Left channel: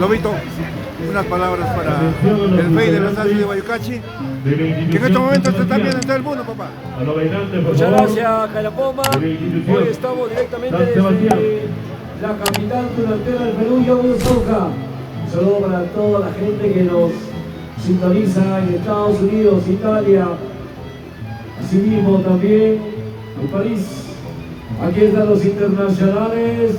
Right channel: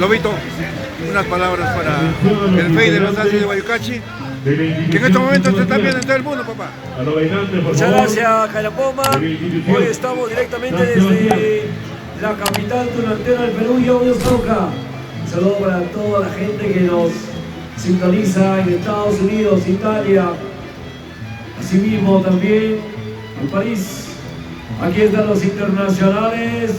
Lobito, unas palabras para el FEI de los Aces de Guayucachi, que en estos momentos se está viendo en todo el mundo, papá. Muchas gracias, Calapoma. Hoy estamos directamente desde la capital tunantera del Perú, Yauyos-Cauca. Un saludo para toda la gente que nos sintoniza en Estados Unidos, Italia, asimismo también en París. Aquí están los internacionales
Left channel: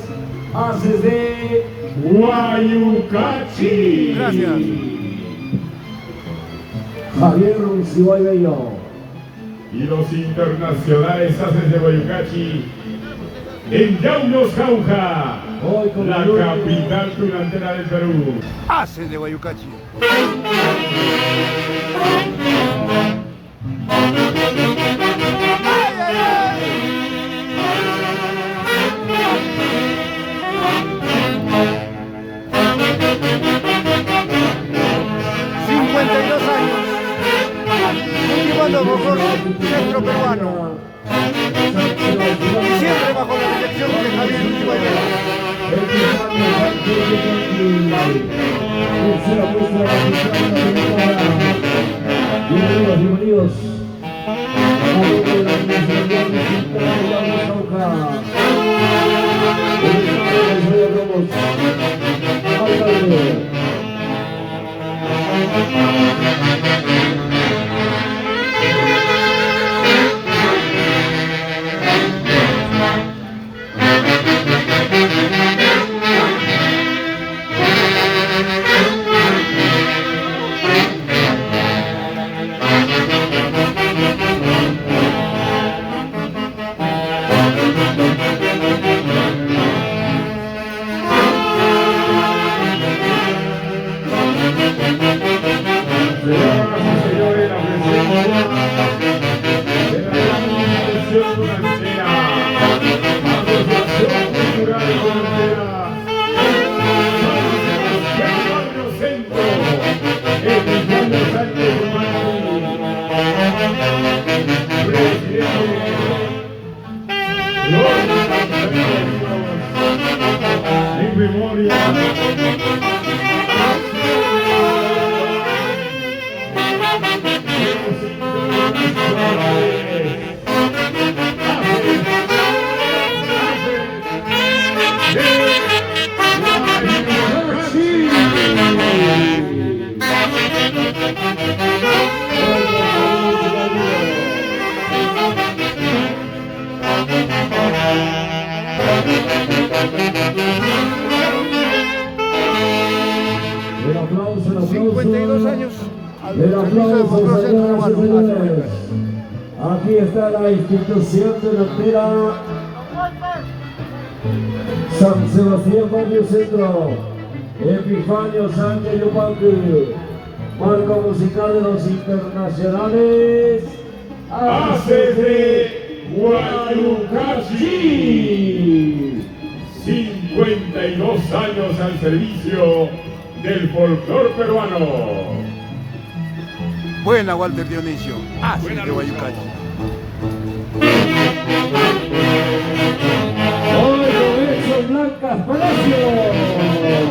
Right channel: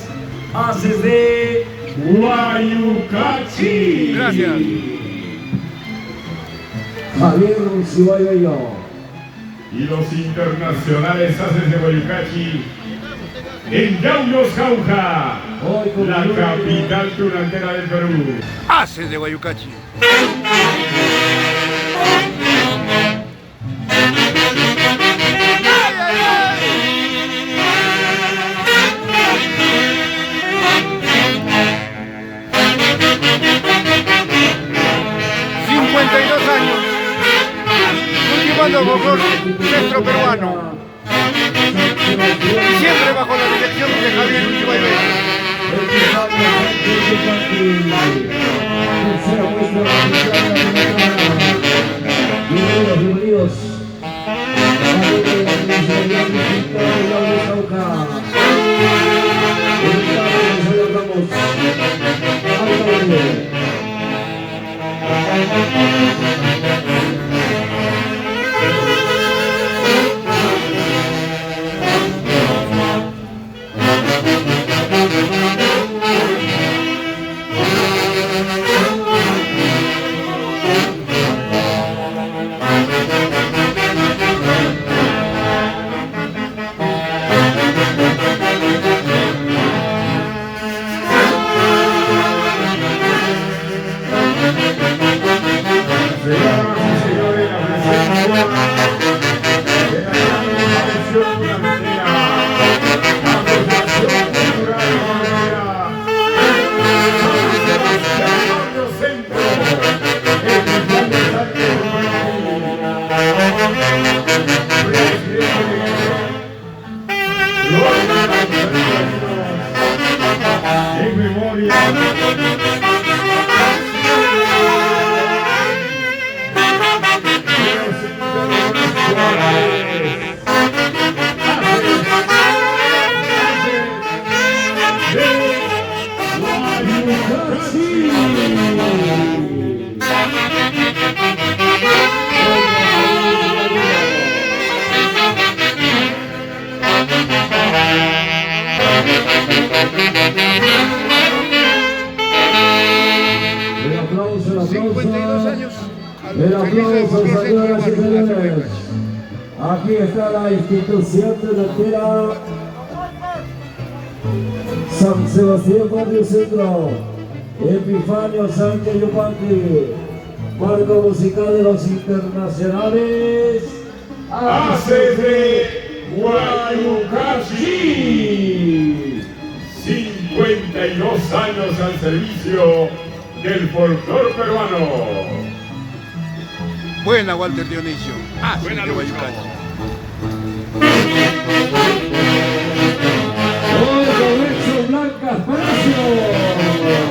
Aces de Guayucachi. Gracias. Javier Ronciballo. Y los internacionales Aces de Guayucachi en Yauyos-Cauca, la capital tunantera del Perú. Aces de Guayucachi. ¡Ay, ay, ay! 52 años, cultivando folclor centro peruano, y siempre bajo la dirección de Javier Ronciballo. Bienvenidos. En memoria. El aplauso. 52 años al El servicio del aplauso, folclor centro peruano. Aces de señoras y Guayucachi. señores. Aquí está la institución tunantera San Sebastián Barrio Centro, Epifanio Sánchez Yupanqui, marco musical de los internacionales Aces de Guayucachi. 52 años al servicio del folclor peruano. Buena, Walter Dionisio. Aces Buena de lucha. Guayucachi. Roberto Blancas Palacio.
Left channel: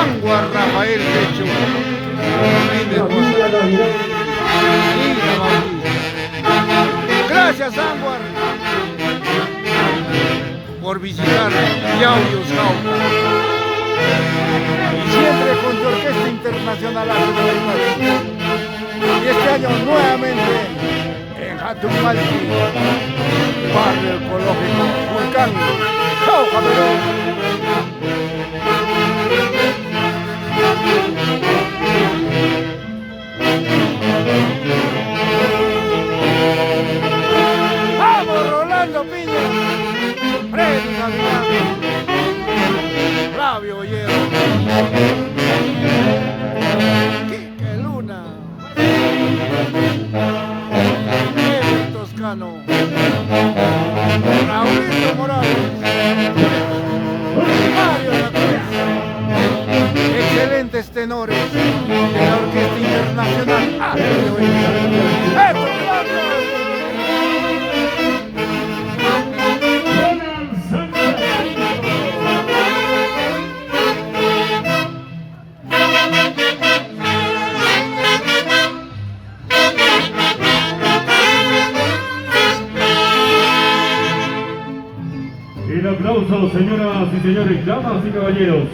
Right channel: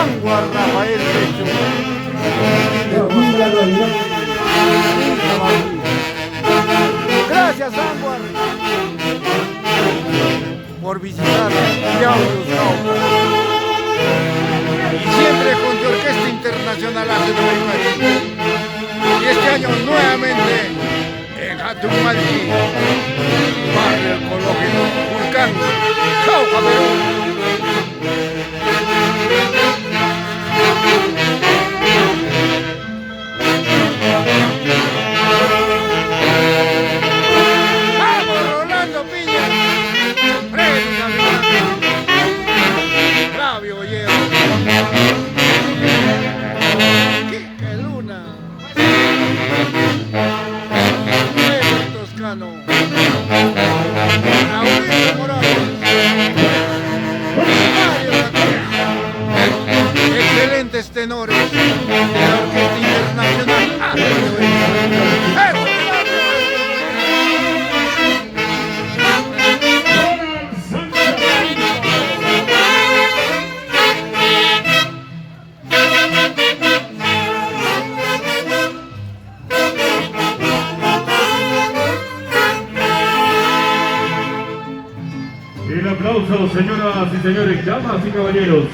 Anguar Rafael Pecho. Gracias, Anguar, por visitar Yauyos Jauja. Y siempre con tu Orquesta Internacional Aces de Guaycachi. Y este año nuevamente en Jatumalchi, barrio ecológico Vulcán, Jauja, Perú. ¡Vamos, Rolando Piña! ¡Freddy Gavilán! ¡Flavio Bollero! ¡Quique Luna! ¡Ever Toscano! ¡Raulito Morales! ¡Mario Zacuya! Excelentes tenores de la Orquesta Internacional Aces de Guaycachi. ¡Eso, Flavio! El aplauso, señoras y señores, damas y caballeros,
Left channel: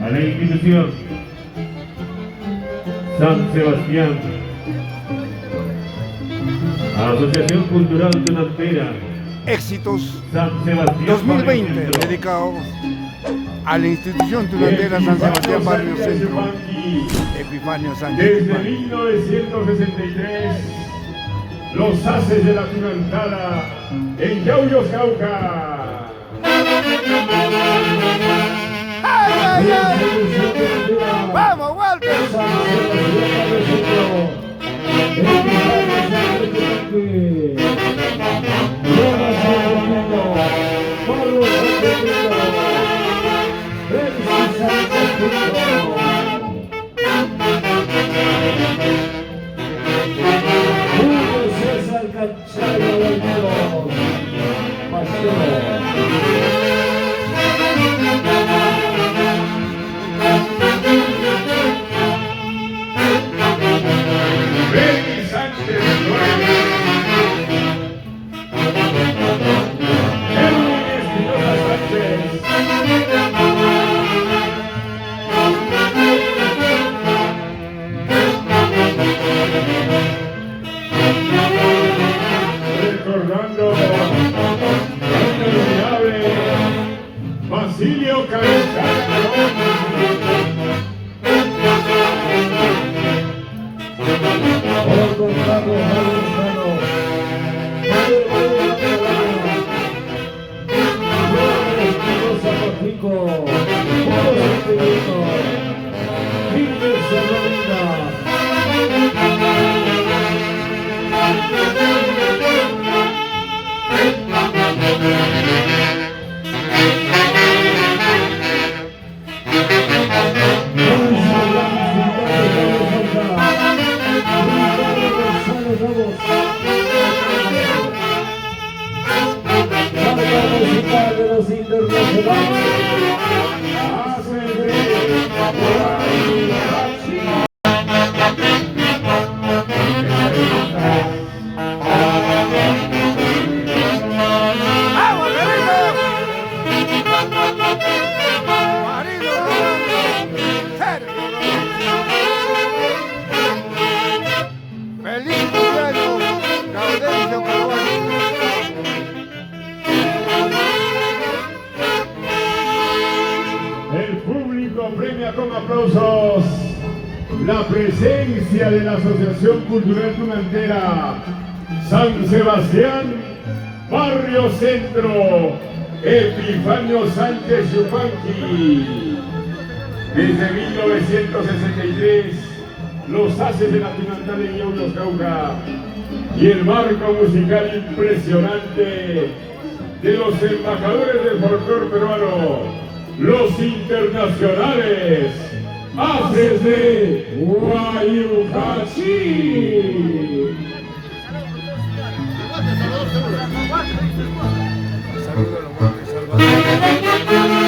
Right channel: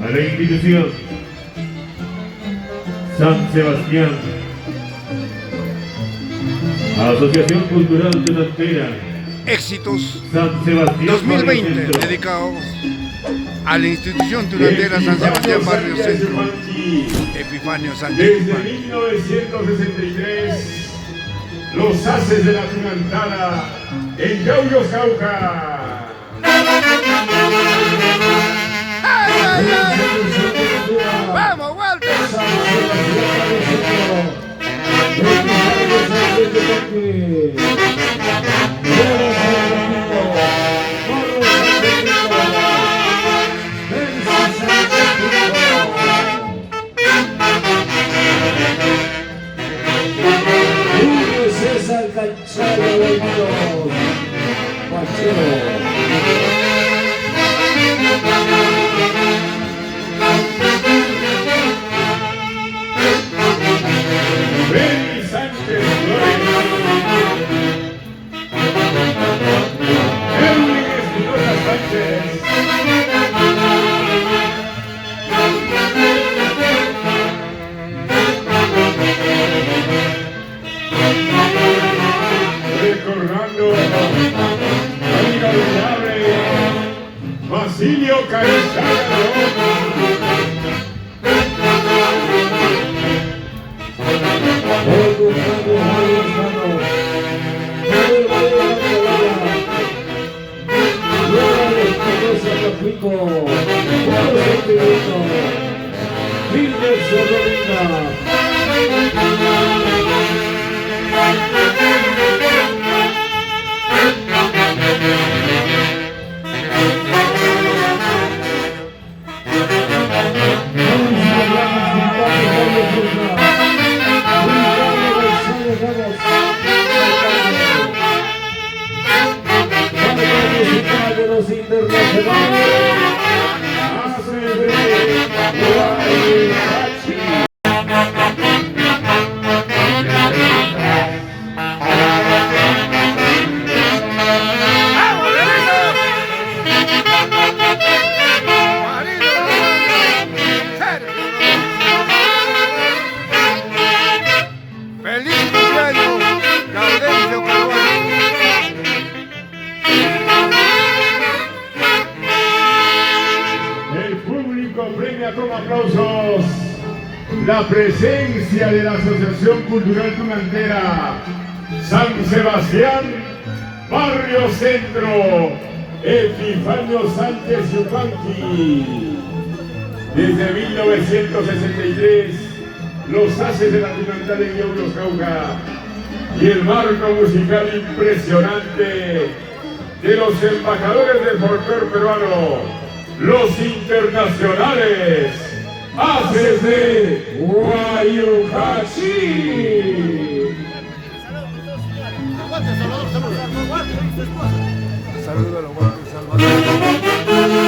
a la institución San Sebastián, Asociación Cultural Tunantera, Éxitos San Sebastián 2020, Barrio Centro. dedicados a la institución tunantera San Sebastián Barrio Centro, Epifanio Sánchez Desde Yupanqui. 1963, los haces de la Tunantara en Yauyos Jauja. ¡Ay, ay, ay! ¡Vamos, Walter! Recordando Basilio Carizano. ¡Vamos, Relito! Marido Rolando, Sergio Rolando. ¡Feliz cumpleaños, Gaudencio Carvalho! El público premia con aplausos la presencia de la Asociación Cultural Tunantera San Sebastián Barrio Centro, Epifanio Sánchez Yupanqui. Desde 1963, los haces de la Tunantera en Yauyos Jauja y el marco musical impresionante de los embajadores del folclore peruano, los internacionales Haces de Guaycachi. Saludos a los buenos Salvador.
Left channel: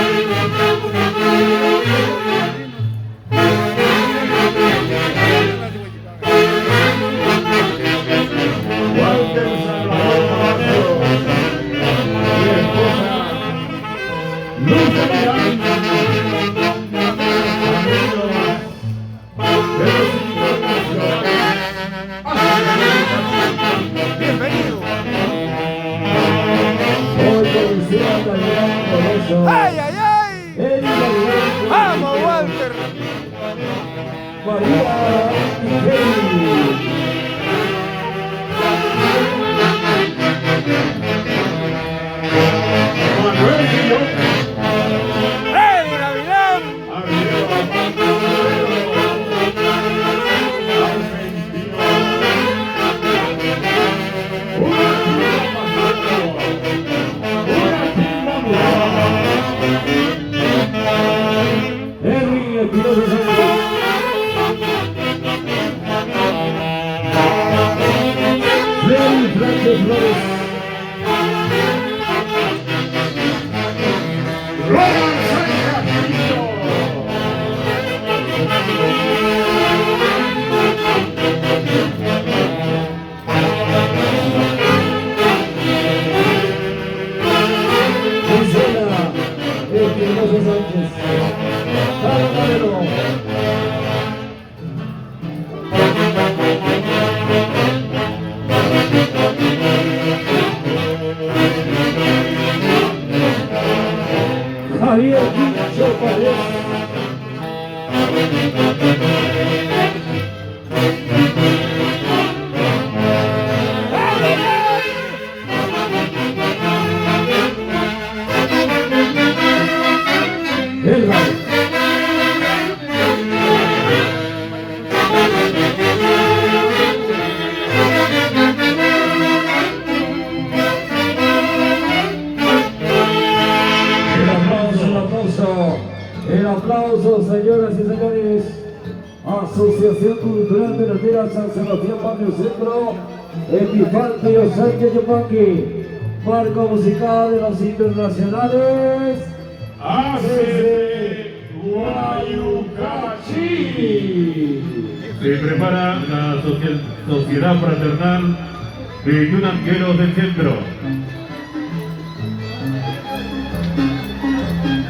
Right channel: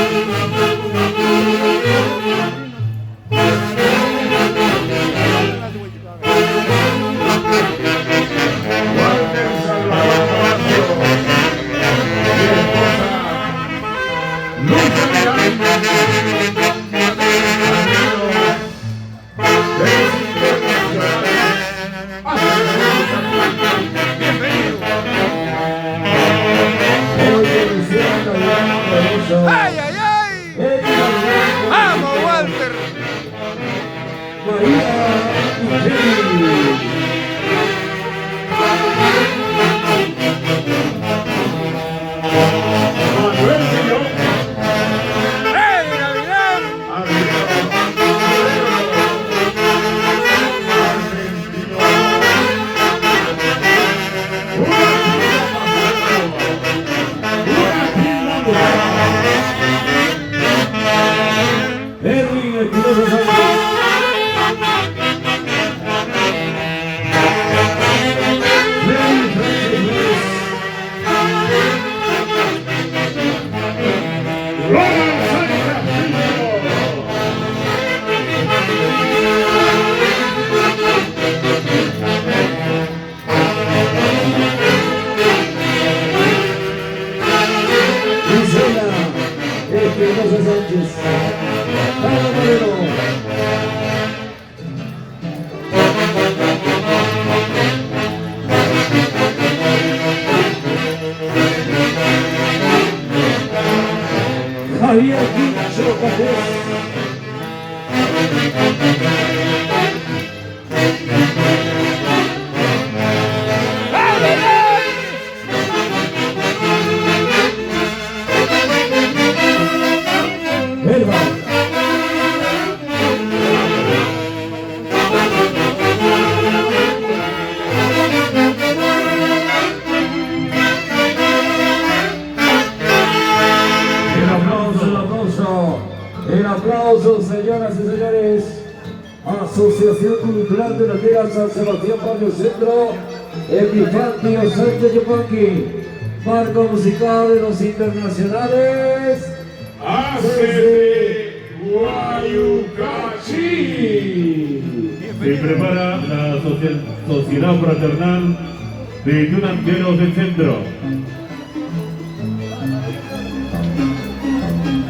Espinosa Sánchez. Freddy Flores. Espinosa Sánchez. Vamos, Camilo. Javier Quincho Pérez. El aplauso, señoras y señores. Asociación Cultural de Landera San Sebastián, Barrio Centro. Epifanio Sánchez Yupanqui. Marco musical de los internacionales. ACD Guayucachi. Se prepara la Sociedad Fraternal de Tunanteros del Centro.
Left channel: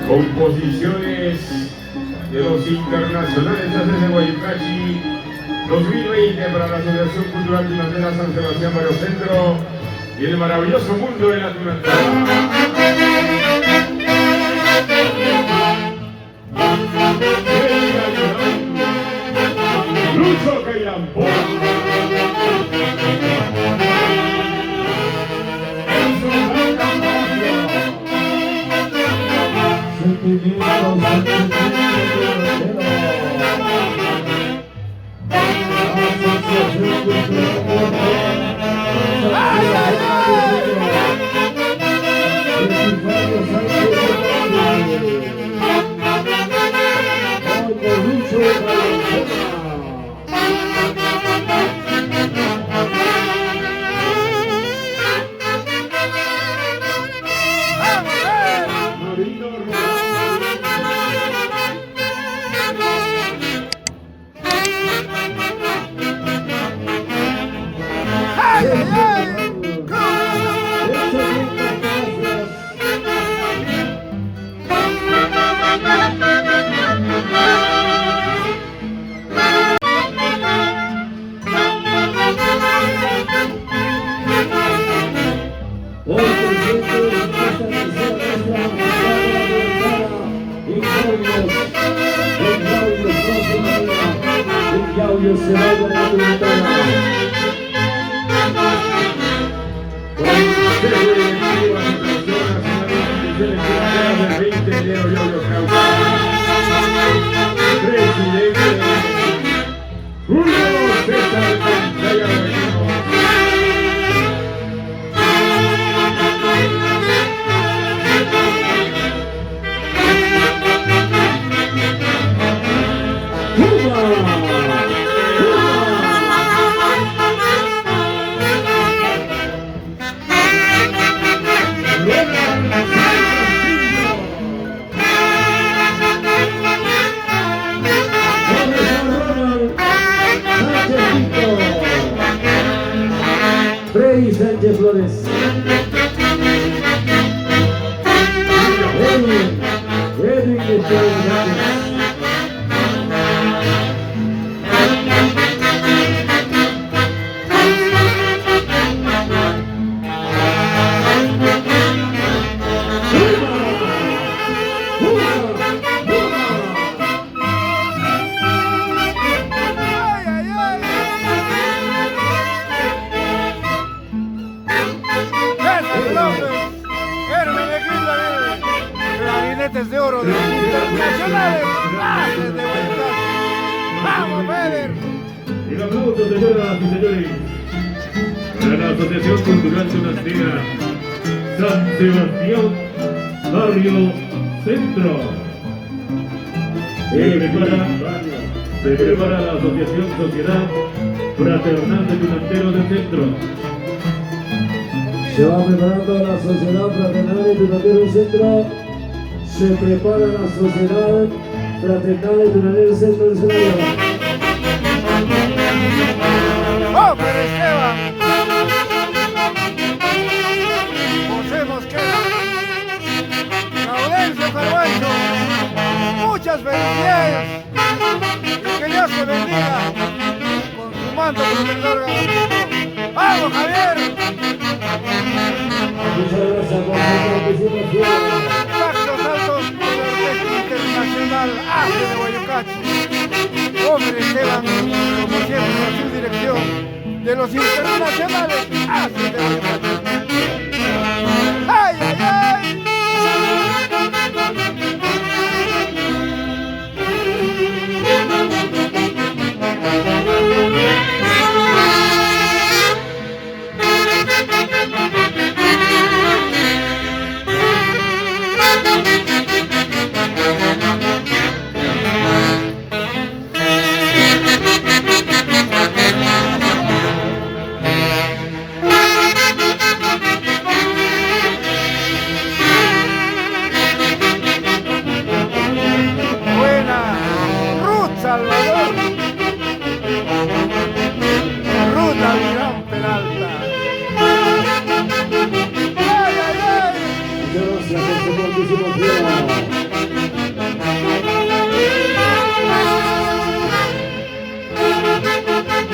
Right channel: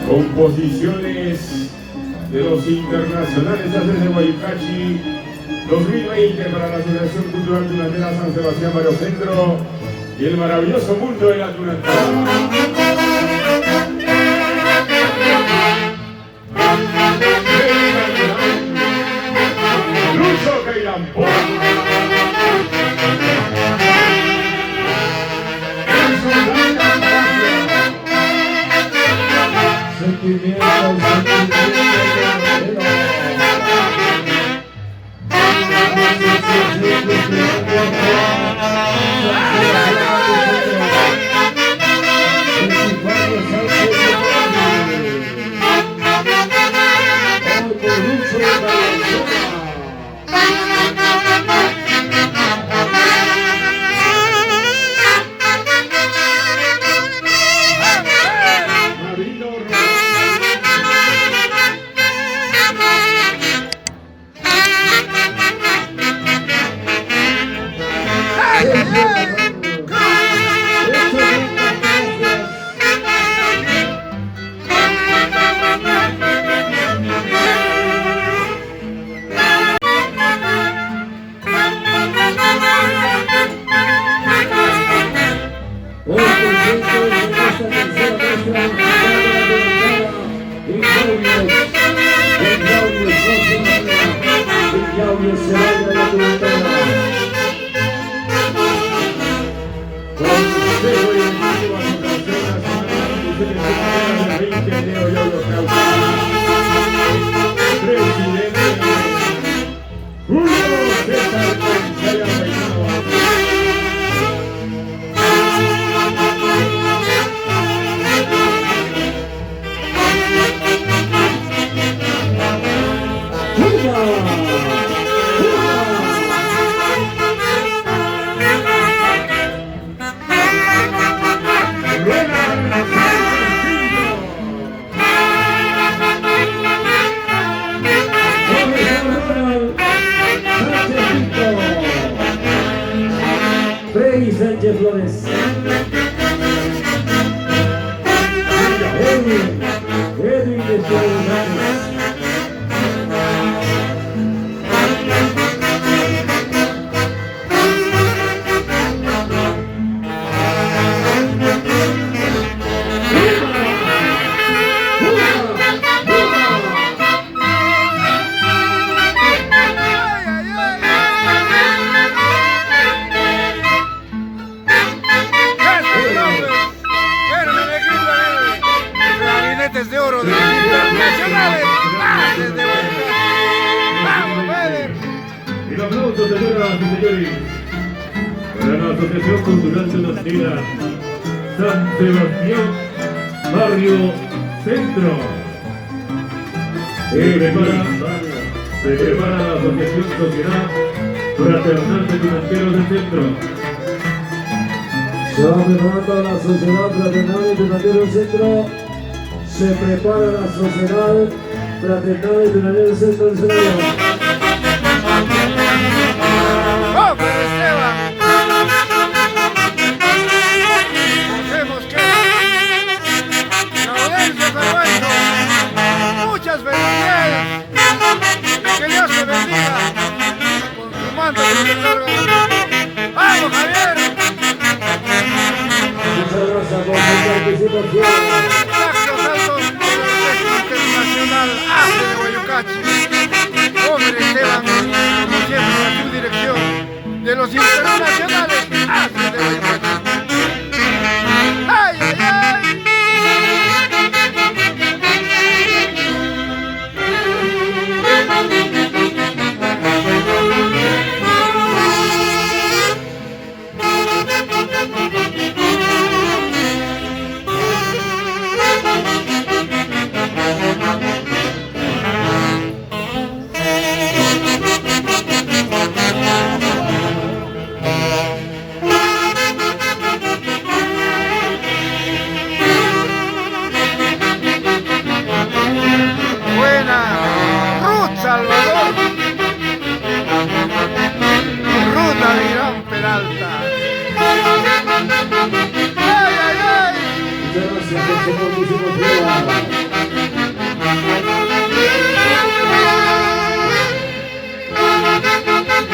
Composiciones de los internacionales de Guayucachi 2020 para la Asociación Cultural Tunantera San Sebastián Barrio Centro y el maravilloso mundo de la tunantera. Lucho Cairampo. Freddy Sánchez Flores. Edwin de Sánchez. De oro de los internacionales, desde Guayucachi. ¡Vamos, Feder! El aplauso, señoras y señores, para la Asociación Cultural Tunantera San Sebastián, Barrio Centro. Se prepara la Asociación Sociedad Fraternal de Tunanteros del Centro. Se va preparando la Sociedad Fraternal de Tunanteros del Centro. Se prepara la Sociedad Fraternal de Tunanteros del Centro del escenario. ¡Hombre, Esteban! José Mosquera, Gaudencio Carvalho, muchas felicidades y que Dios te bendiga con su manto protector galáctico. ¡Vamos, Javier! Muchas gracias por su participación. Saxos altos de la Orquesta Internacional ACE de Guayucachi. Hombre, Esteban, como siempre, la subdirección de los internacionales ACE de Guayucachi. ¡Ay, ay, ay! Salvador, Ruth Avirán Peralta. ¡Ay, ay, ay! Muchas gracias por su participación.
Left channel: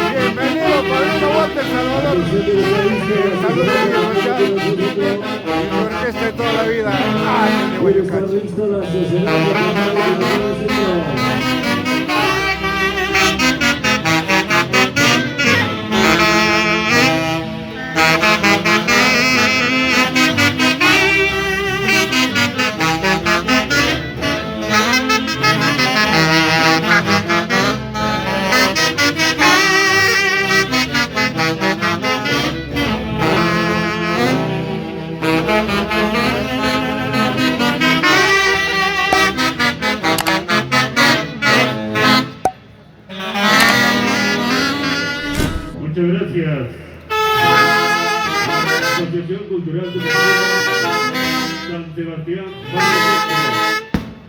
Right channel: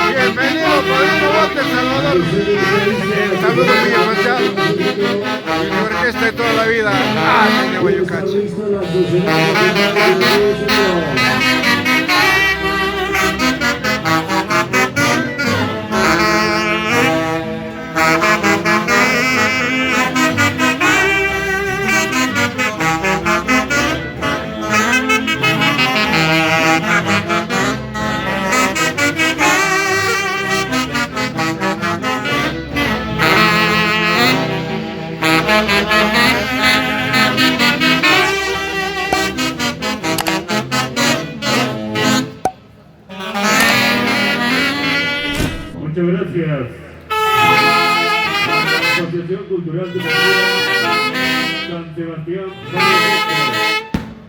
Bienvenido, padrino Walter Salvador. El saludo muy especial de mi orquesta de toda la vida, ACE de Guayucachi. Muchas gracias. Asociación Cultural de San Sebastián.